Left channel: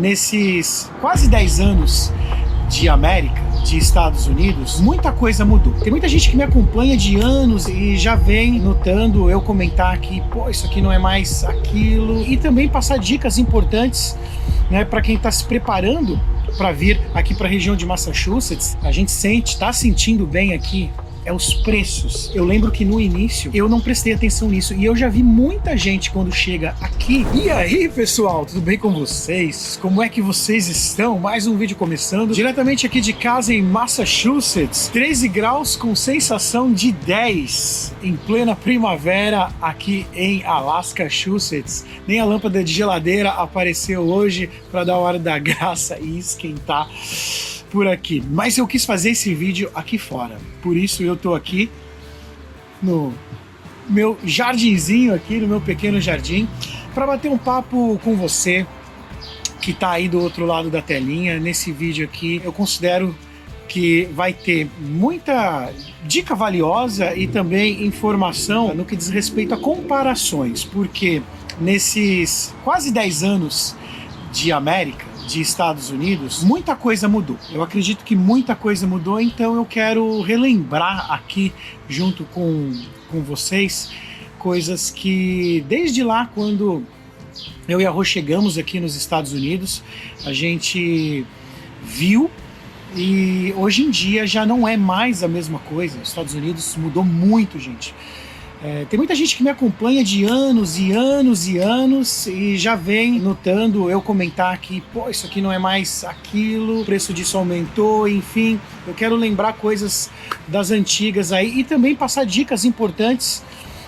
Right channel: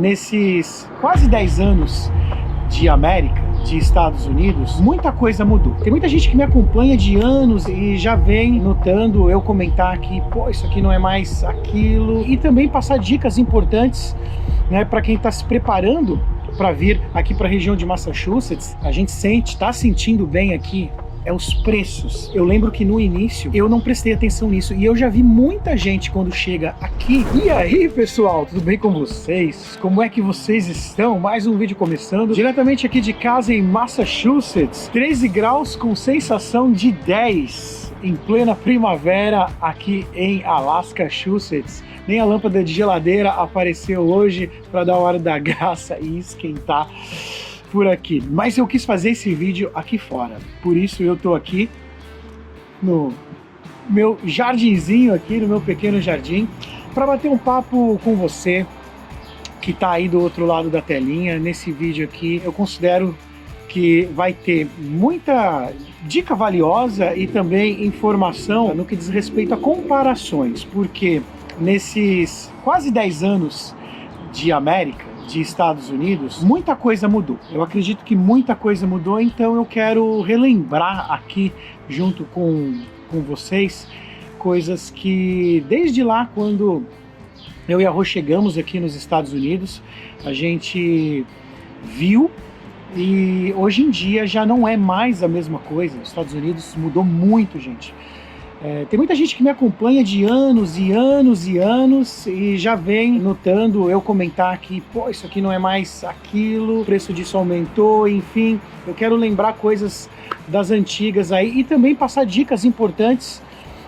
nesses quase 10 anos de América, de Estados Unidos, muita coisa mudou. Tem muita gente que me acompanha de anos e já vem notando eu comentar que, pô, isso aqui não é mais aquilo, e também passar dicas importantes, né, para quem está se preparando para vir aqui para a região de Massachusetts. A gente está sentindo bem aqui é os preços. Eu lembro que no início eu não prestei atenção nisso e eu já vi muita gente quando chega aqui. E aí, pessoal, tudo bem com vocês? Como é que vocês estão? Mais um vídeo começando diretamente aqui de casa em Massachusetts. 13 graus com sensação de 10 em plena primavera aqui em Alaska, Massachusetts. Nem a lâmpada de geladeira apareceu hoje para dar a hora da graça e esquentar por aqui, mas eu quis fazer esse vídeo aqui fora, por isso eu tô aqui no meu jardinzinho aqui, no meu pequeno jardim, para bater um papo com você que tá aí do outro lado da telinha. Nesse vídeo aqui eu considero que vai ter muita dica valiosa e também informação no que diz respeito a comparações, porque nesses quase 10 anos de América, de Estados Unidos, muita coisa mudou. Eu acredito que muita coisa mudou, então eu quero relembrar aqui junto com vocês coisas que desde lá, quando eu e a Rô chegamos aqui nos Estados Unidos, a gente viu, e hoje em dia já não é mais a mesma coisa. Os Estados Unidos mudou muito, gente. Tem muita gente que me acompanha de anos e anos e anos e já vem notando eu comentar que, pô, isso aqui não é mais aquilo, o preço disso aumentou, enfim. Eu quero lembrar coisas das antigas aí e também passar dicas importantes,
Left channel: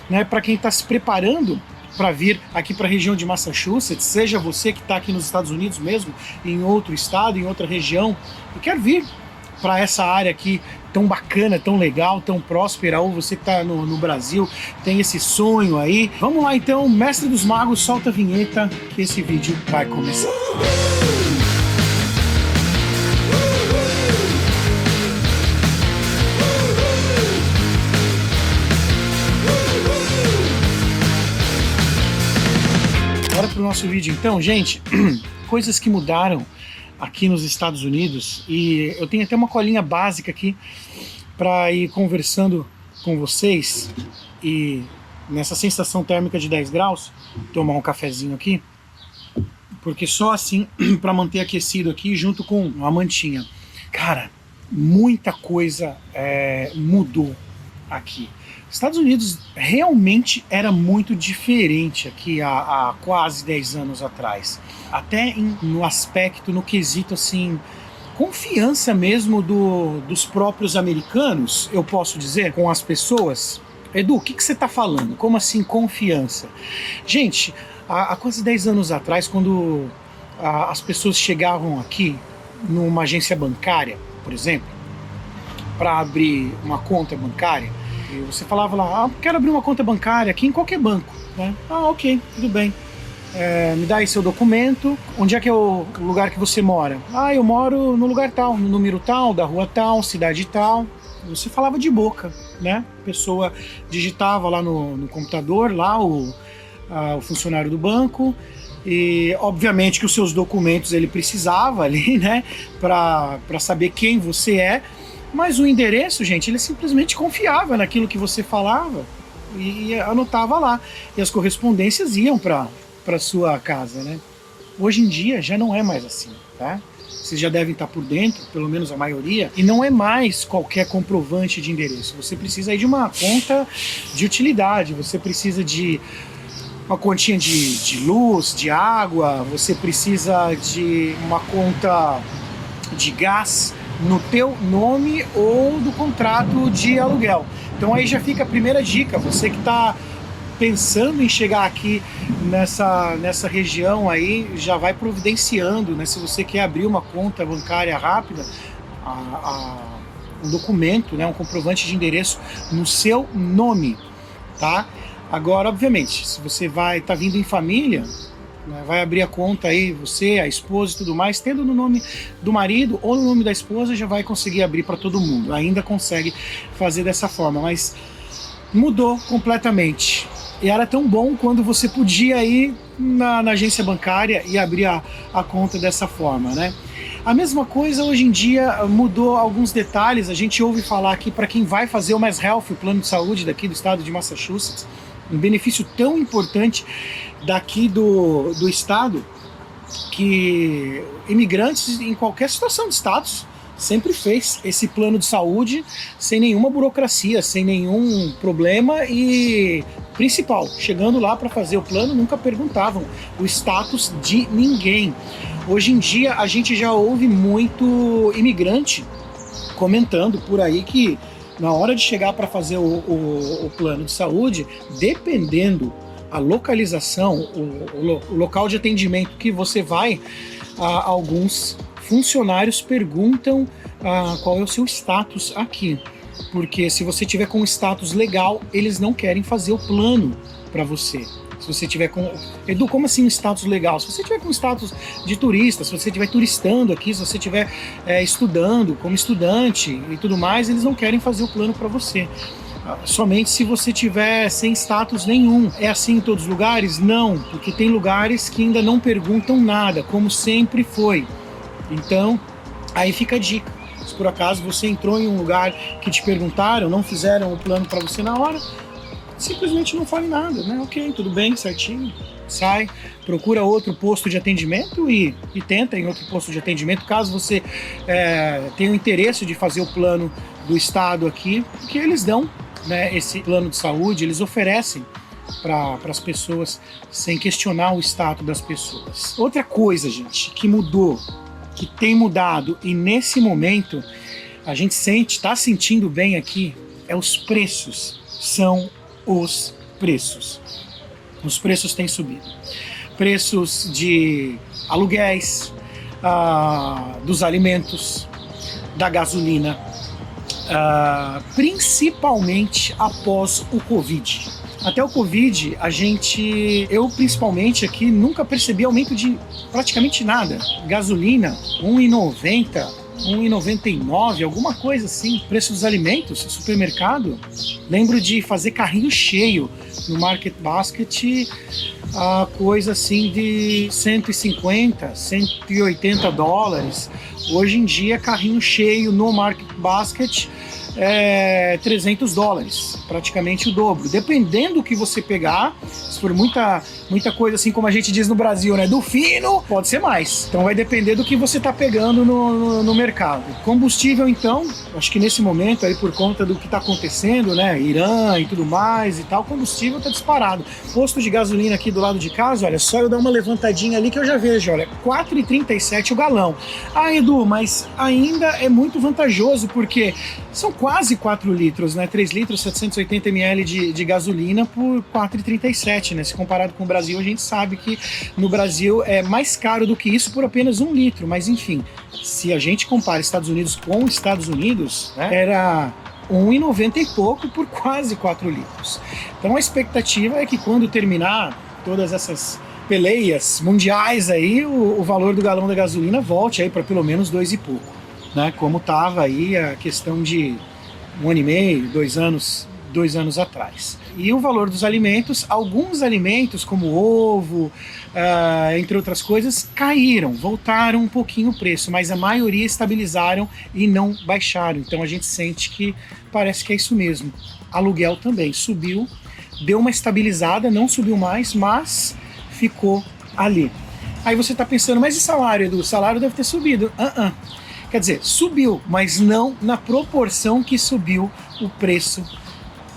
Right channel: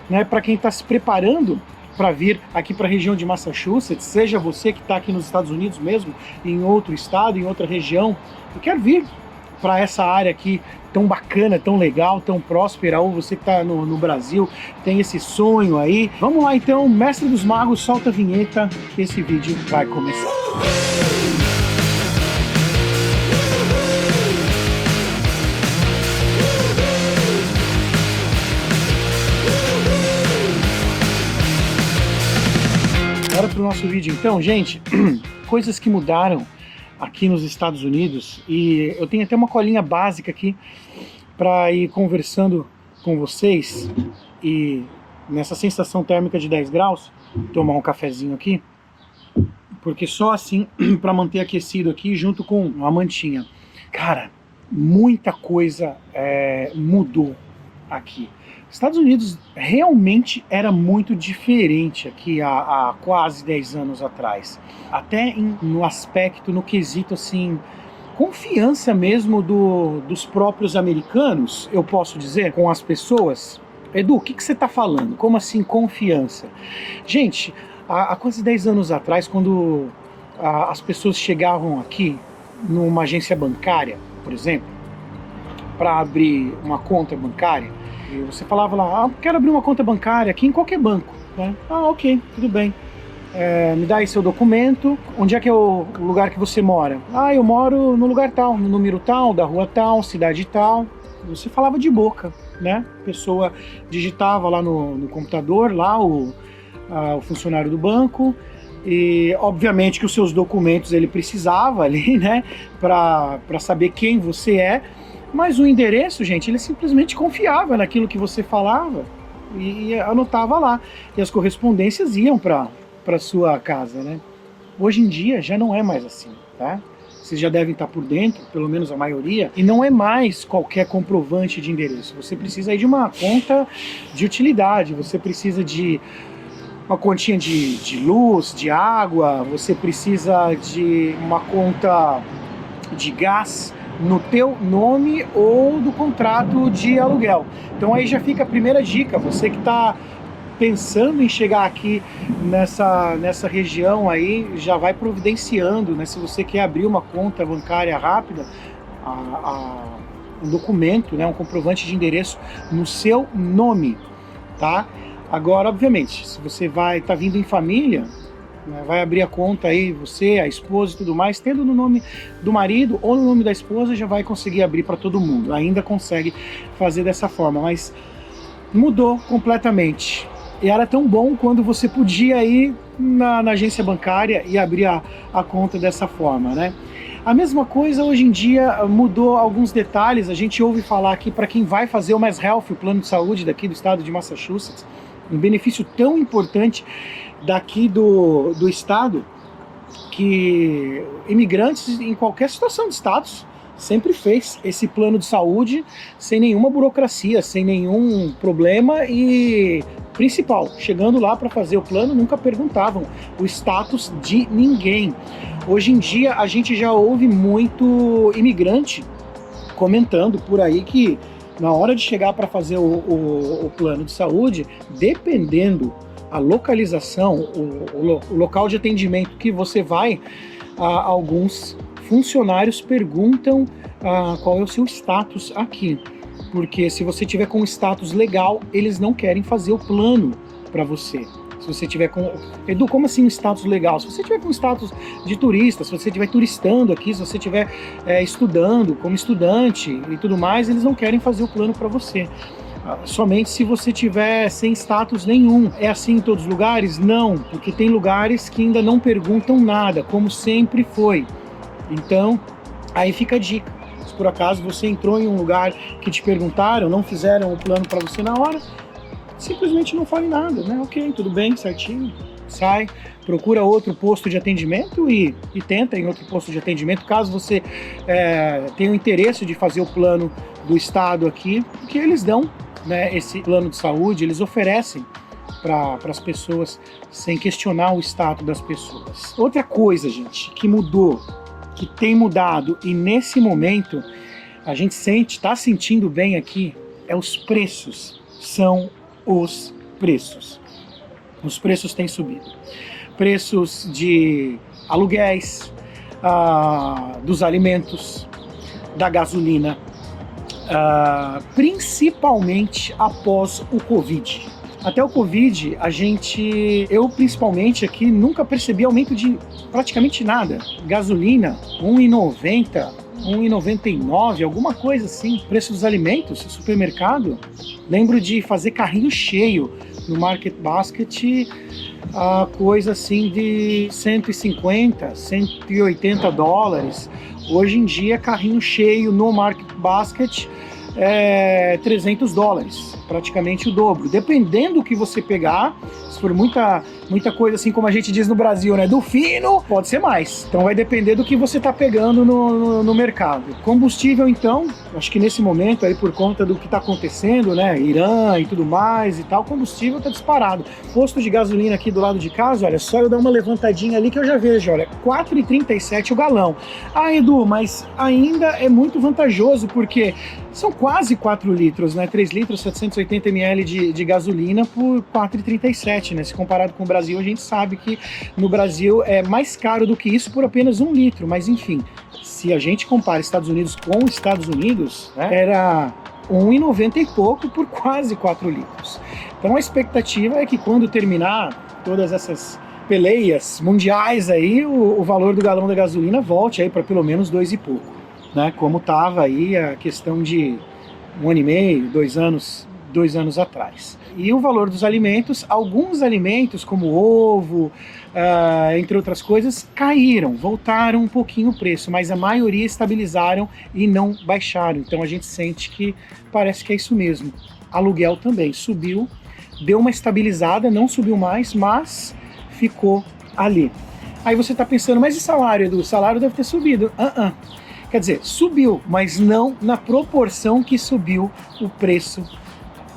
né, para quem está se preparando para vir aqui para a região de Massachusetts, seja você que está aqui nos Estados Unidos mesmo, em outro estado, em outra região, e quer vir para essa área aqui tão bacana, tão legal, tão próspera, ou você que está no Brasil, tem esse sonho aí. Vamos lá então, Mestre dos Magos, solta a vinheta que esse vídeo vai começar. Bora pro nosso vídeo então, gente. Coisas que mudaram aqui nos Estados Unidos, e eu tenho até uma colinha básica aqui para ir conversando com vocês, e nessa sensação térmica de 10 graus, tomar um cafezinho aqui, porque só assim para manter aquecido aqui junto com uma mantinha. Cara, muita coisa mudou aqui. Estados Unidos realmente era muito diferente aqui há quase 10 anos atrás. Até no aspecto, no quesito assim, confiança mesmo dos próprios americanos, eu posso dizer, com as pessoas. Edu, o que você está falando? Como assim confiança? Gente, há quase 10 anos atrás, quando as pessoas chegavam aqui numa agência bancária, por exemplo, para abrir uma conta bancária, e você falava lá, quero abrir uma conta bancária aqui em qualquer banco, né? Ok, tudo bem. Me dá aí seu documento. Onde é que é o lugar que você mora? Eu moro no lugar tal, no número tal, da rua tal, cidade tal. Você falava de boca, né? A pessoa digitava lá no computador, lá o funcionário do banco, e obviamente que os seus documentos ele precisava ali, né? Para saber quem você é. Mas o endereço, gente, ele simplesmente confiava naquilo que você falava e anotava lá. E as correspondências iam para sua casa, né? Hoje em dia já não é mais assim, tá? Vocês já devem estar por dentro, pelo menos a maioria, e não é mais qualquer comprovante de endereço. Você precisa aí de uma conta de utilidade, você precisa de uma continha de luz, de água, você precisa de uma conta de gás no teu nome ou do contrato de aluguel. Então aí já fica a primeira dica, você que está pensando em chegar aqui nessa região aí, já vai providenciando, né? Se você quer abrir uma conta bancária rápida, um documento, né? Um comprovante de endereço no seu nome, tá? Agora, obviamente, se você tá vindo em família, vai abrir a conta aí, você, a esposa e tudo mais, tendo no nome do marido ou no nome da esposa, já vai conseguir abrir para todo mundo. Ainda consegue fazer dessa forma, mas mudou completamente. E era tão bom quando você podia ir na agência bancária e abrir a conta dessa forma, né? A mesma coisa hoje em dia mudou alguns detalhes. A gente ouve falar aqui para quem vai fazer o Mass Health, o plano de saúde daqui do estado de Massachusetts, um benefício tão importante daqui do estado, que imigrantes em qualquer situação de status sempre fez esse plano de saúde sem nenhuma burocracia, sem nenhum problema e, principal, chegando lá para fazer o plano, nunca perguntavam o status de ninguém. Hoje em dia a gente já ouve muito imigrante comentando por aí que na hora de chegar para fazer o plano de saúde, dependendo a localização, o local de atendimento que você vai, alguns funcionários perguntam qual é o seu status aqui. Porque se você tiver com status legal, eles não querem fazer o plano para você. Se você tiver com... Edu, como assim um status legal? Se você tiver com status de turista, se você estiver turistando aqui, se você estiver estudando como estudante e tudo mais, eles não querem fazer o plano para você. Somente se você tiver sem status nenhum. É assim em todos os lugares? Não, porque tem lugares que ainda não perguntam nada, como sempre foi. Então, aí fica a dica. Se por acaso você entrou em um lugar que te perguntaram, não fizeram o plano para você na hora, simplesmente não fale nada, né? Ok, tudo bem, certinho, sai, procura outro posto de atendimento e tenta em outro posto de atendimento, caso você tenha o interesse de fazer o plano do estado aqui, porque eles dão, né, esse plano de saúde, eles oferecem para as pessoas sem questionar o status das pessoas. Outra coisa, gente, que mudou, que tem mudado e nesse momento a gente está sentindo bem aqui, é os preços. São os preços. Os preços têm subido. Preços de aluguéis, dos alimentos, da gasolina, principalmente após o Covid. Até o Covid, eu principalmente aqui, nunca percebi aumento de praticamente nada. Gasolina, R$1,90, R$1,99, alguma coisa assim. Preço dos alimentos, supermercado. Lembro de fazer carrinho cheio no Market Basket, coisa assim de 150, 180 dólares. Hoje em dia, carrinho cheio no Market Basket é 300 dólares, praticamente o dobro. Dependendo do que você pegar, se for muita coisa assim como a gente diz no Brasil, né, do fino, pode ser mais. Então vai depender do que você está pegando no mercado. Combustível, então, acho que nesse momento aí, por conta do que está acontecendo, né, Irã e tudo mais e tal, combustível está disparado. Posto de gasolina aqui do lado de casa, olha, só eu dar uma levantadinha ali que eu já vejo, olha, R$4,37 o galão. Edu, mas ainda é muito vantajoso, porque são quase 4 litros, né? 3 litros, 780 ml de gasolina por R$4,37, né? Se comparado com o Brasil, a gente sabe que no Brasil é mais caro do que isso por apenas 1 litro. Mas enfim, se a gente compara Estados Unidos com Estados Unidos, né, era R$1,90 e pouco por quase 4 litros. Então a expectativa é que quando terminar todas essas peleias mundiais aí, o valor do galão da gasolina volte aí para pelo menos 2 e pouco, né? Como estava aí a questão de 1 ano e meio, 2 anos atrás. E o valor dos alimentos, alguns alimentos como ovo, entre outras coisas, caíram, voltaram um pouquinho o preço, mas a maioria estabilizaram e não baixaram. Então a gente sente que parece que é isso mesmo. Aluguel também subiu, deu uma estabilizada, não subiu mais, mas ficou ali. Aí você está pensando, mas e salário, Edu? O salário deve ter subido. Quer dizer, subiu, mas não na proporção que subiu o preço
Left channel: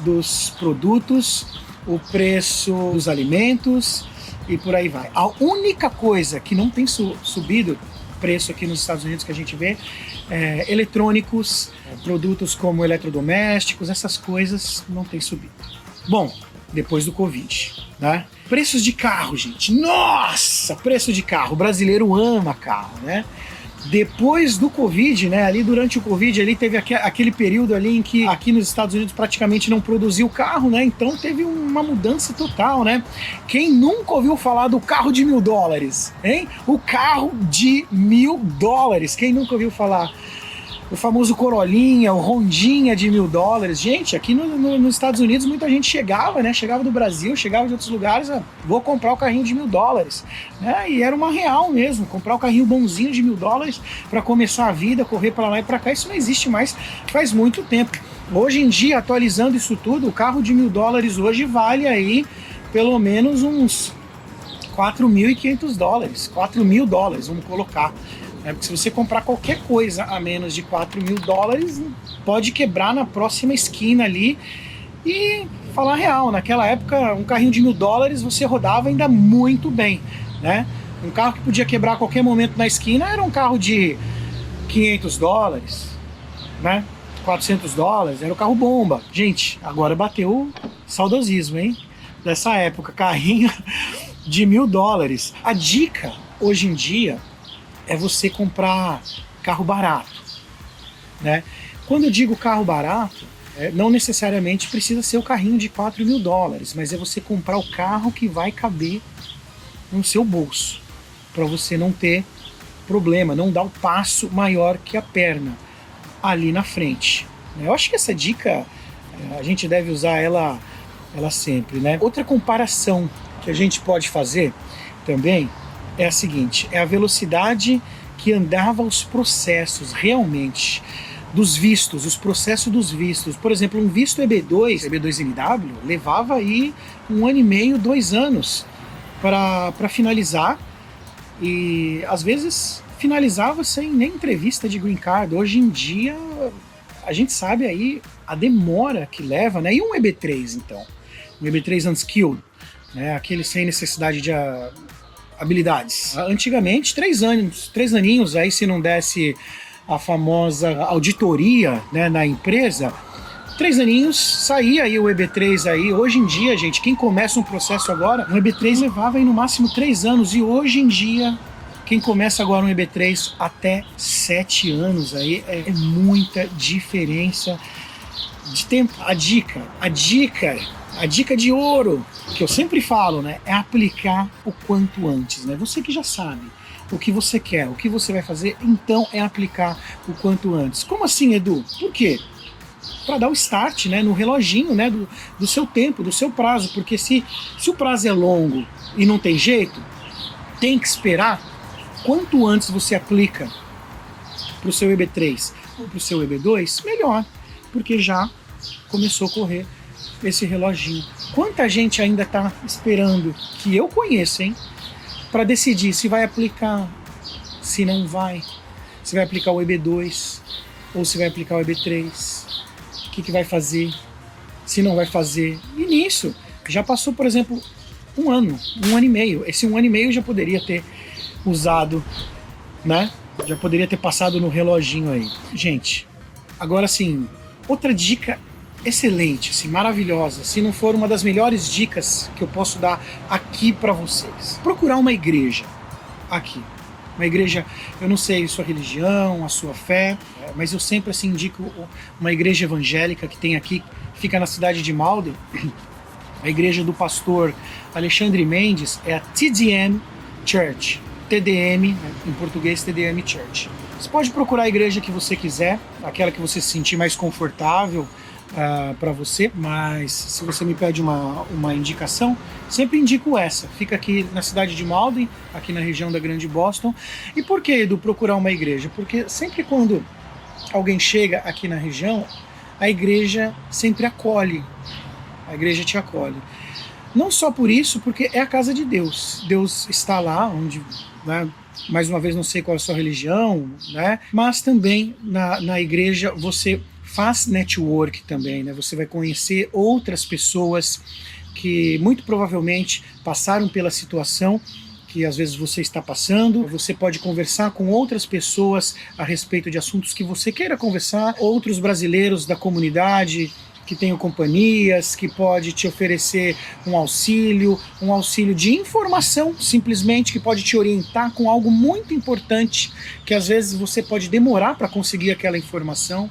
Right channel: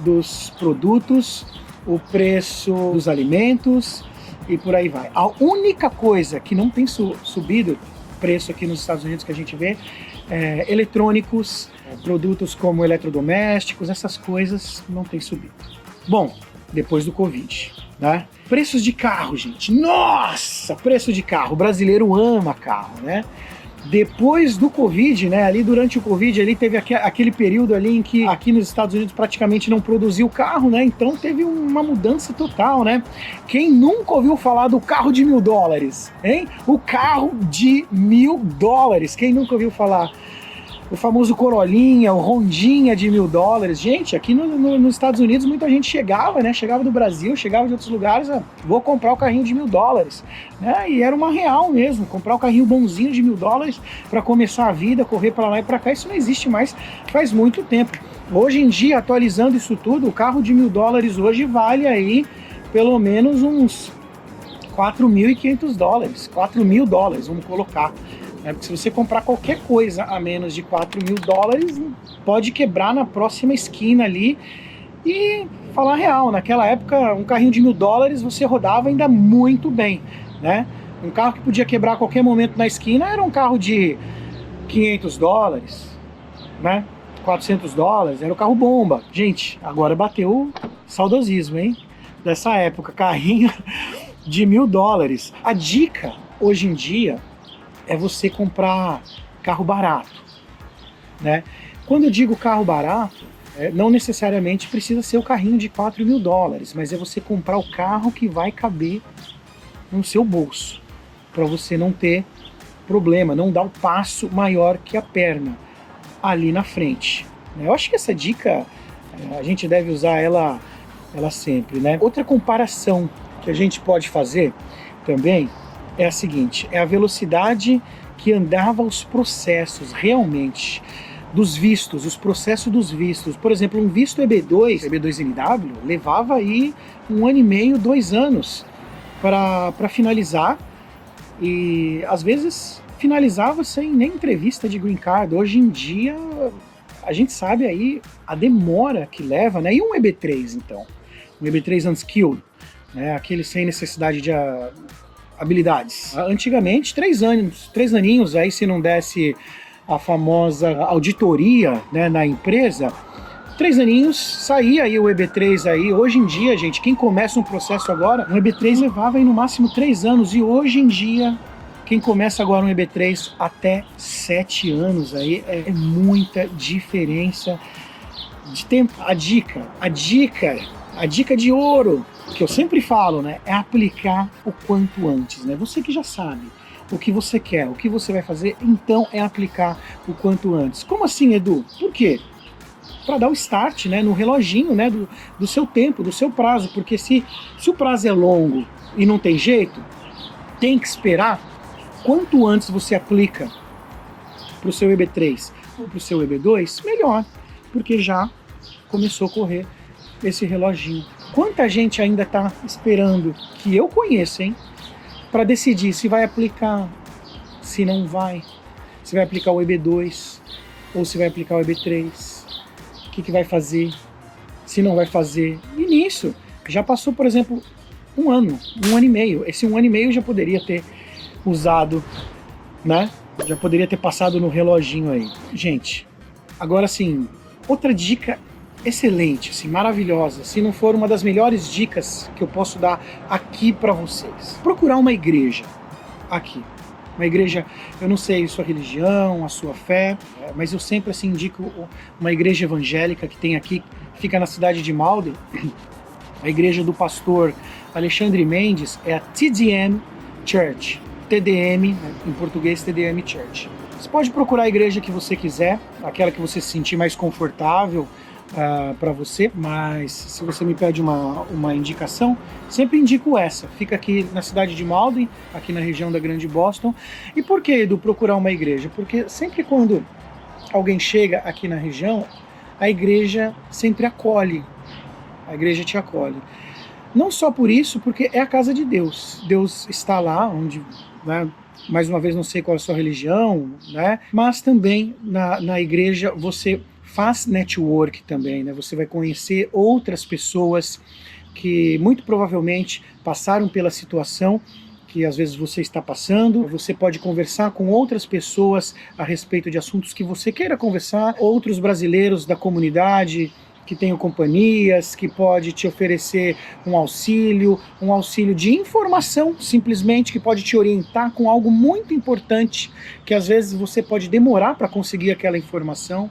dos produtos, o preço dos alimentos e por aí vai. A única coisa que não tem subido preço aqui nos Estados Unidos que a gente vê é eletrônicos, produtos como eletrodomésticos, essas coisas não tem subido. Bom, depois do Covid, né? Preços de carro, gente. Nossa, preço de carro. O brasileiro ama carro, né? Depois do Covid, né, ali durante o Covid, ali teve aquele período ali em que aqui nos Estados Unidos praticamente não produziu carro, né, então teve uma mudança total, né. Quem nunca ouviu falar do carro de $1.000, hein? O carro de $1.000, quem nunca ouviu falar? o famoso Corolinha, o Rondinha de $1.000. Gente, aqui nos Estados Unidos muita gente chegava, né? Chegava do Brasil, chegava de outros lugares, vou comprar o carrinho de $1.000, né? E era uma real mesmo, comprar o carrinho bonzinho de $1.000 para começar a vida, correr para lá e para cá. Isso não existe mais faz muito tempo. Hoje em dia, atualizando isso tudo, o carro de $1.000 hoje vale aí pelo menos uns $4.500, $4.000, vamos colocar. Porque se você comprar qualquer coisa a menos de $4.000, pode quebrar na próxima esquina ali. E falar real, naquela época um carrinho de $1.000 você rodava ainda muito bem, né? Um carro que podia quebrar a qualquer momento na esquina era um carro de $500, né? $400, era o carro bomba. Gente, agora bateu o saudosismo, hein? Dessa época, carrinho de $1.000. A dica hoje em dia é você comprar carro barato, né? Quando eu digo carro barato, não necessariamente precisa ser o carrinho de $4.000, mas é você comprar o carro que vai caber no seu bolso, para você não ter problema, não dar um passo maior que a perna ali na frente. Eu acho que essa dica a gente deve usar ela sempre, né? Outra comparação que a gente pode fazer também é a seguinte, é a velocidade que andava os processos realmente dos vistos, os processos dos vistos. Por exemplo, um visto EB2NW levava aí 1 ano e meio, 2 anos para finalizar, e às vezes finalizava sem nem entrevista de green card. Hoje em dia a gente sabe aí a demora que leva, né? E um EB3 então, um EB3 unskilled, né? Aquele sem necessidade de habilidades. Antigamente 3 aninhos aí, se não desse a famosa auditoria, né, na empresa, 3 aninhos, saía aí o EB3 aí. Hoje em dia, gente, quem começa um processo agora, um EB3 levava aí no máximo 3 anos, e hoje em dia, quem começa agora um EB3 até 7 anos aí, é muita diferença de tempo. A dica de ouro, que eu sempre falo, né, é aplicar o quanto antes, né? Você que já sabe o que você quer, o que você vai fazer, então é aplicar o quanto antes. Como assim, Edu? Por quê? Para dar o start, né, no reloginho, né, do seu tempo, do seu prazo, porque se o prazo é longo e não tem jeito, tem que esperar. Quanto antes você aplica para o seu EB3 ou para o seu EB2, melhor, porque já começou a correr esse reloginho. Quanta gente ainda está esperando, que eu conheço, hein, para decidir se vai aplicar, se não vai, se vai aplicar o EB2 ou se vai aplicar o EB3, o que vai fazer, se não vai fazer. E nisso, já passou, por exemplo, um ano e meio. Esse 1 ano e meio já poderia ter usado, né? Já poderia ter passado no reloginho aí. Gente, agora sim, outra dica excelente, assim, maravilhosa, se não for uma das melhores dicas que eu posso dar aqui para vocês. Procurar uma igreja aqui. Uma igreja, eu não sei a sua religião, a sua fé, mas eu sempre assim indico uma igreja evangélica que tem aqui, fica na cidade de Malden. A igreja do pastor Alexandre Mendes é a TDM Church. TDM, em português, TDM Church. Você pode procurar a igreja que você quiser, aquela que você se sentir mais confortável para você, mas se você me pede uma indicação, sempre indico essa. Fica aqui na cidade de Malden, aqui na região da Grande Boston. E por que, Edu, procurar uma igreja? Porque sempre quando alguém chega aqui na região, a igreja sempre acolhe. A igreja te acolhe. Não só por isso, porque é a casa de Deus. Deus está lá, onde, né, mais uma vez, não sei qual é a sua religião, né, mas também na igreja você faz network também, né? Você vai conhecer outras pessoas que muito provavelmente passaram pela situação que às vezes você está passando. Você pode conversar com outras pessoas a respeito de assuntos que você queira conversar, outros brasileiros da comunidade que tenham companhias, que pode te oferecer um auxílio de informação, simplesmente, que pode te orientar com algo muito importante, que às vezes você pode demorar para conseguir aquela informação.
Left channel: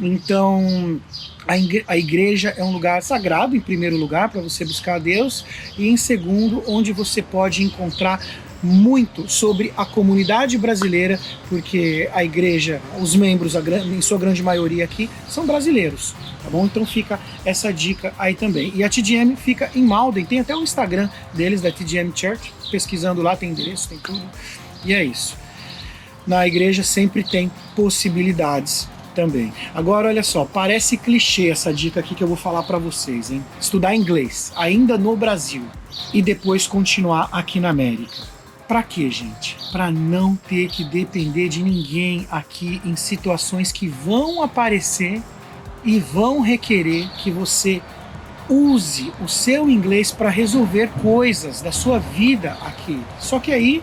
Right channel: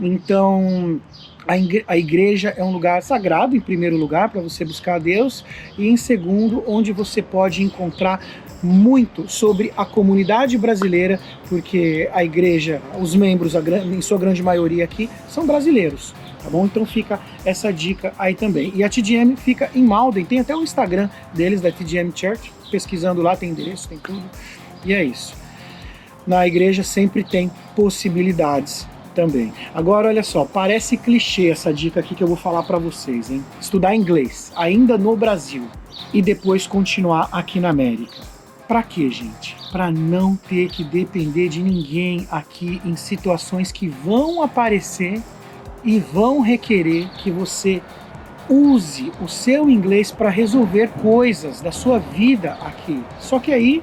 Então, a igreja é um lugar sagrado, em primeiro lugar, para você buscar a Deus, e em segundo, onde você pode encontrar muito sobre a comunidade brasileira, porque a igreja, os membros, em sua grande maioria aqui, são brasileiros, tá bom? Então fica essa dica aí também. E a TDM fica em Malden, tem até o Instagram deles, da TDM Church, pesquisando lá, tem endereço, tem tudo, e é isso. Na igreja sempre tem possibilidades também. Agora, olha só, parece clichê essa dica aqui que eu vou falar para vocês, hein? Estudar inglês, ainda no Brasil, e depois continuar aqui na América. Pra quê, gente? Pra não ter que depender de ninguém aqui em situações que vão aparecer e vão requerer que você use o seu inglês para resolver coisas da sua vida aqui. Só que aí,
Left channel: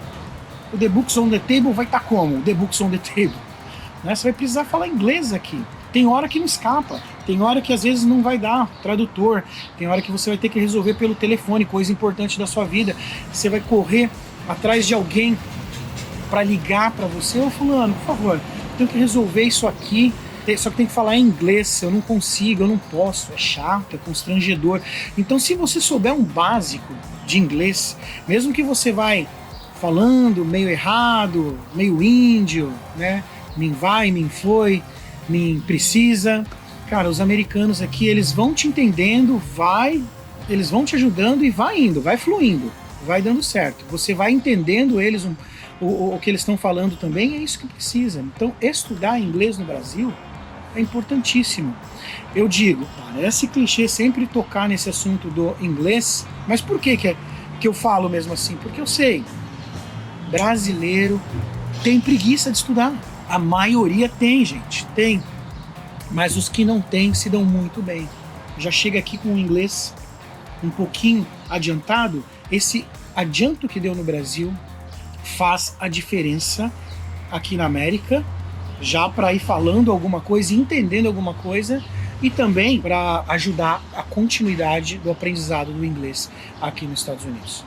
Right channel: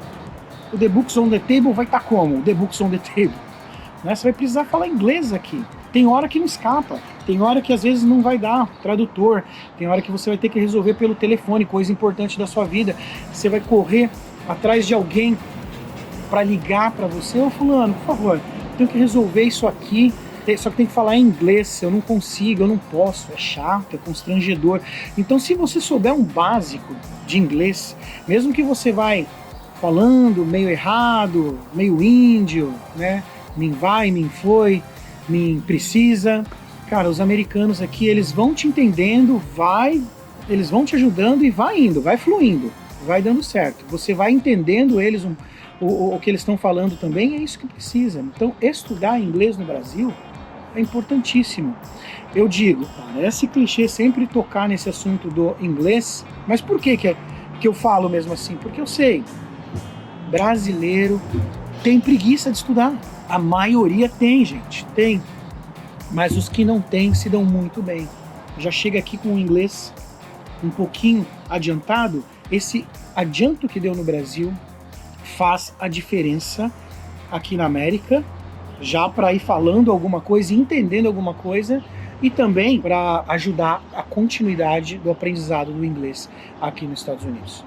o The Books on the Table vai estar como? O The Books on the Table. Né? Você vai precisar falar inglês aqui. Tem hora que não escapa, tem hora que às vezes não vai dar tradutor, tem hora que você vai ter que resolver pelo telefone, coisa importante da sua vida. Você vai correr atrás de alguém para ligar para você: ô fulano, por favor, tenho que resolver isso aqui, só que tem que falar em inglês, eu não consigo, eu não posso, é chato, é constrangedor. Então, se você souber um básico de inglês, mesmo que você vai falando meio errado, meio índio, né, mim vai, mim foi, mim precisa, cara, os americanos aqui, eles vão te entendendo, eles vão te ajudando e vai indo, vai fluindo. Vai dando certo, você vai entendendo eles, o que eles estão falando também, é isso que precisa. Então, estudar inglês no Brasil é importantíssimo. Eu digo, parece clichê sempre tocar nesse assunto do inglês, mas por que eu falo mesmo assim? Porque eu sei, brasileiro tem preguiça de estudar. A maioria tem, gente, tem. Mas os que não têm se dão muito bem. Já chega aqui com o inglês um pouquinho adiantado. Esse adianto que deu no Brasil faz a diferença aqui na América, já para ir falando alguma coisa, entendendo alguma coisa, e também para ajudar a continuidade do aprendizado do inglês aqui nos Estados Unidos.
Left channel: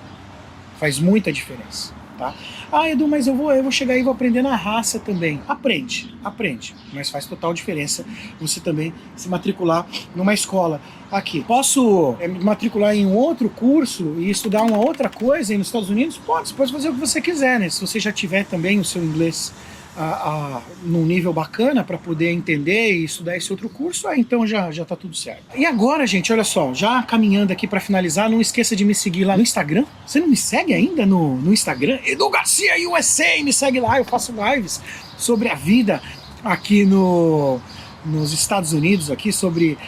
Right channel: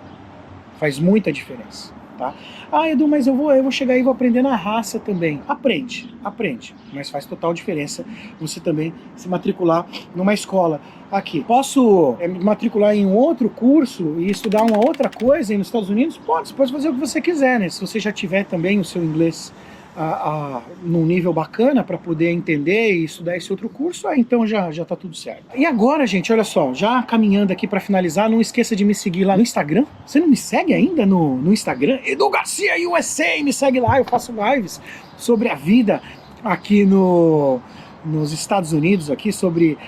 Faz muita diferença. Tá? Ah, Edu, mas eu vou chegar aí e vou aprender na raça também. Aprende, mas faz total diferença você também se matricular numa escola aqui. Posso me matricular em um outro curso e estudar uma outra coisa aí nos Estados Unidos? Pode, você pode fazer o que você quiser, né? Se você já tiver também o seu inglês num nível bacana para poder entender e estudar esse outro curso, então já tá tudo certo. E agora, gente, olha só, já caminhando aqui para finalizar, não esqueça de me seguir lá no Instagram. Você não me segue ainda no Instagram? Edu Garcia USA, me segue lá, eu faço lives sobre a vida aqui nos Estados Unidos, aqui sobre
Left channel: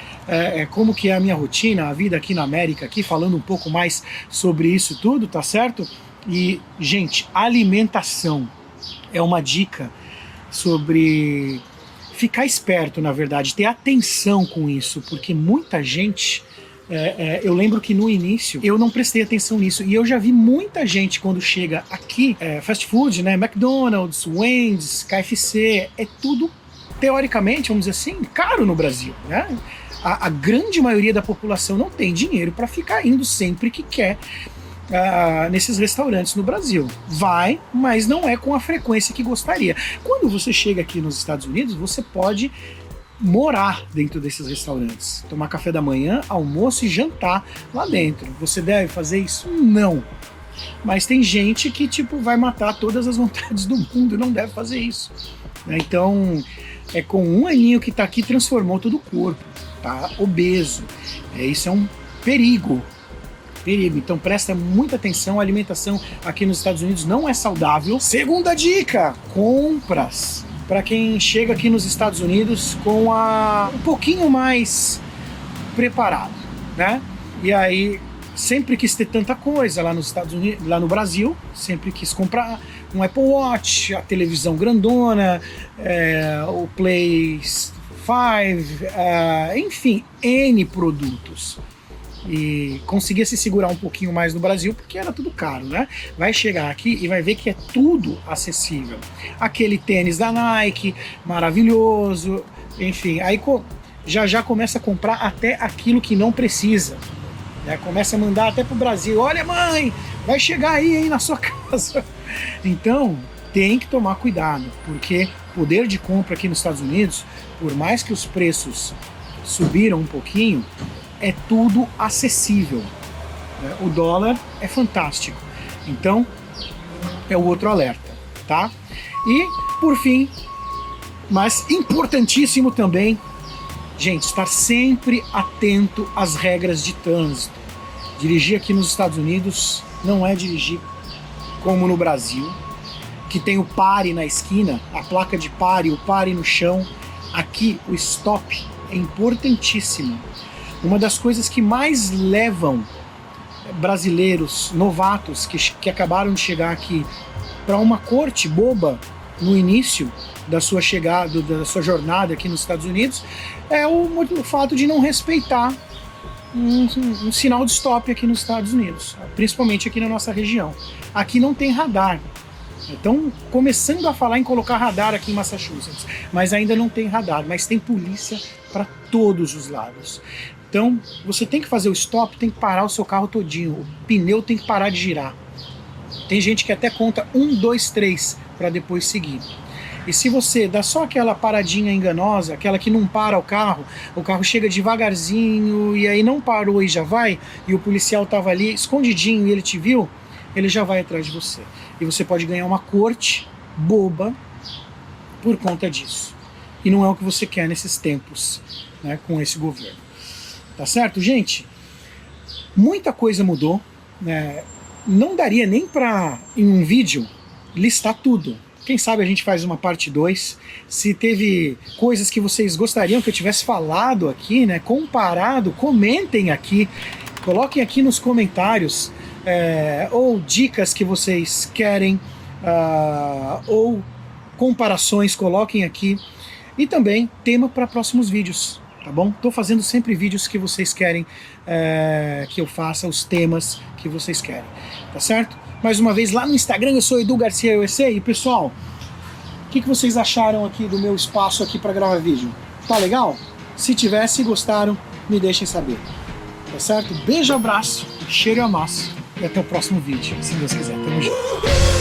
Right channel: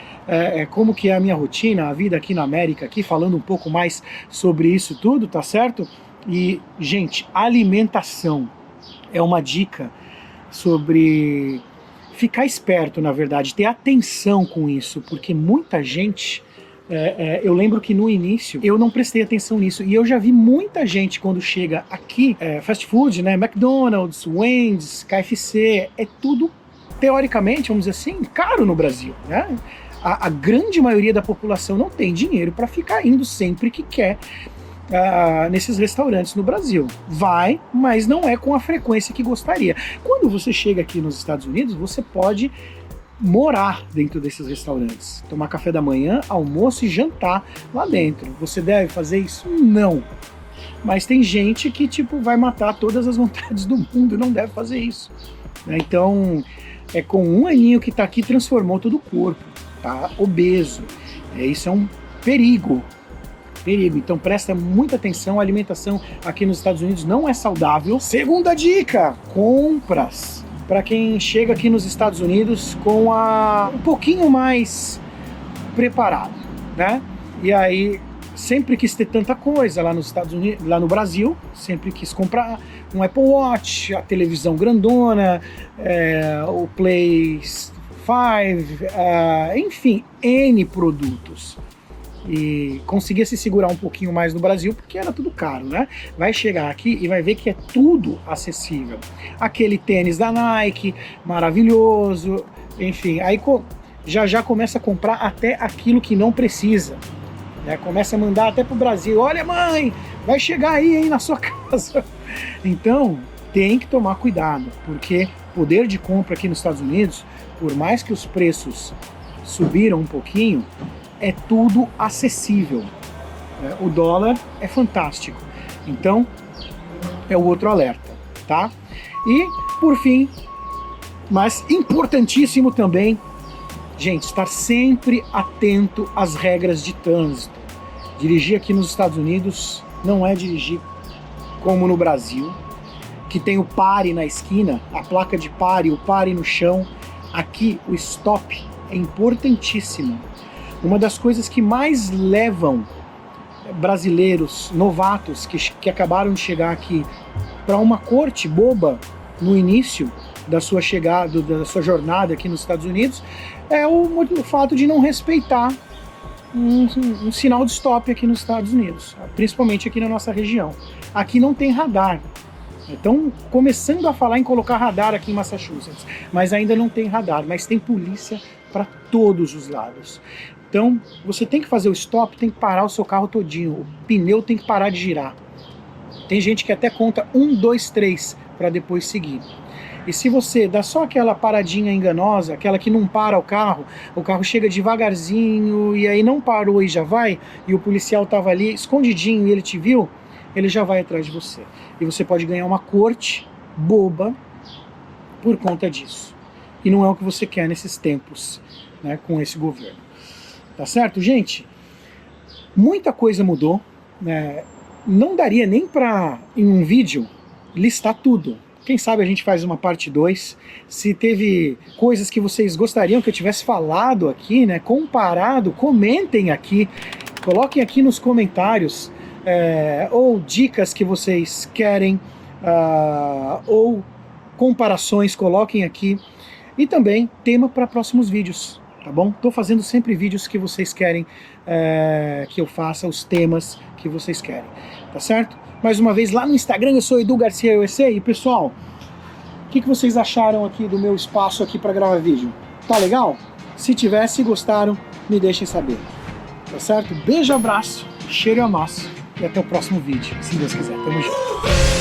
como que é a minha rotina, a vida aqui na América, aqui falando um pouco mais sobre isso tudo, tá certo? E, gente, alimentação é uma dica sobre ficar esperto, na verdade, ter atenção com isso, porque muita gente, eu lembro que no início eu não prestei atenção nisso, e eu já vi muita gente quando chega aqui, fast food, né, McDonald's, Wendy's, KFC, é tudo, teoricamente, vamos dizer assim, caro no Brasil, né? A grande maioria da população não tem dinheiro para ficar indo sempre que quer nesses restaurantes no Brasil. Vai, mas não é com a frequência que gostaria. Quando você chega aqui nos Estados Unidos, você pode morar dentro desses restaurantes, tomar café da manhã, almoço e jantar lá dentro. Você deve fazer isso? Não. Mas tem gente que vai matar todas as vontades do mundo e não deve fazer isso. Então, com um aninho que está aqui, transformou todo o corpo, tá obeso. Isso é um perigo. Então presta muita atenção, a alimentação aqui nos Estados Unidos não é saudável. Segunda dica, compras. Para quem chega aqui nos Estados Unidos com um pouquinho mais preparado, né? E aí sempre quis ter tanta coisa lá nos Estados Unidos, lá no Brasil, sempre quis comprar um Apple Watch, a televisão grandona, o Play 5, enfim, N produtos. E conseguia se segurar um pouquinho mais no Brasil, porque era tudo caro, né? Vai chegar aqui e vai ver que é tudo acessível. Aquele tênis da Nike, maravilhoso, enfim, aí já começa a comprar até aquilo que não precisa. Né? Começa a mandar até pro Brasil: olha, mãe, vai chegar aí na sua casa. Então, tem que tomar cuidado, porque poder de compra aqui nos Estados Unidos, por mais que os preços subiram um pouquinho, é tudo acessível. O dólar é fantástico. Então, é o outro alerta, tá? E, por fim, mas importantíssimo também, gente, estar sempre atento às regras de trânsito. Dirigir aqui nos Estados Unidos não é dirigir como no Brasil, que tem o pare na esquina, a placa de pare, o pare no chão. Aqui o stop é importantíssimo. Uma das coisas que mais levam brasileiros novatos que acabaram de chegar aqui para uma corte boba no início da sua chegada, da sua jornada aqui nos Estados Unidos, é o fato de não respeitar um sinal de stop aqui nos Estados Unidos, principalmente aqui na nossa região. Aqui não tem radar. Estão começando a falar em colocar radar aqui em Massachusetts, mas ainda não tem radar, mas tem polícia para todos os lados. Então, você tem que fazer o stop, tem que parar o seu carro todinho, o pneu tem que parar de girar. Tem gente que até conta 1, 2, 3 para depois seguir. E se você dá só aquela paradinha enganosa, aquela que não para o carro chega devagarzinho e aí não parou e já vai, e o policial estava ali escondidinho e ele te viu, ele já vai atrás de você. E você pode ganhar uma corte boba por conta disso. E não é o que você quer nesses tempos, né, com esse governo. Tá certo, gente? Muita coisa mudou, né? Não daria nem para, em um vídeo, listar tudo. Quem sabe a gente faz uma parte 2. Se teve coisas que vocês gostariam que eu tivesse falado aqui, né, comparado, comentem aqui. Coloquem aqui nos comentários, ou dicas que vocês querem, ou comparações, coloquem aqui. E também tema para próximos vídeos, tá bom? Estou fazendo sempre vídeos que vocês querem que eu faça, os temas que vocês querem, tá certo? Mais uma vez, lá no Instagram eu sou Edu Garcia USA. E pessoal, o que vocês acharam aqui do meu espaço aqui para gravar vídeo? Tá legal? Se tiver, se gostaram, me deixem saber. Tá certo? Beijo, abraço, cheiro e amasso. E até o próximo vídeo, se Deus quiser. Tamo junto.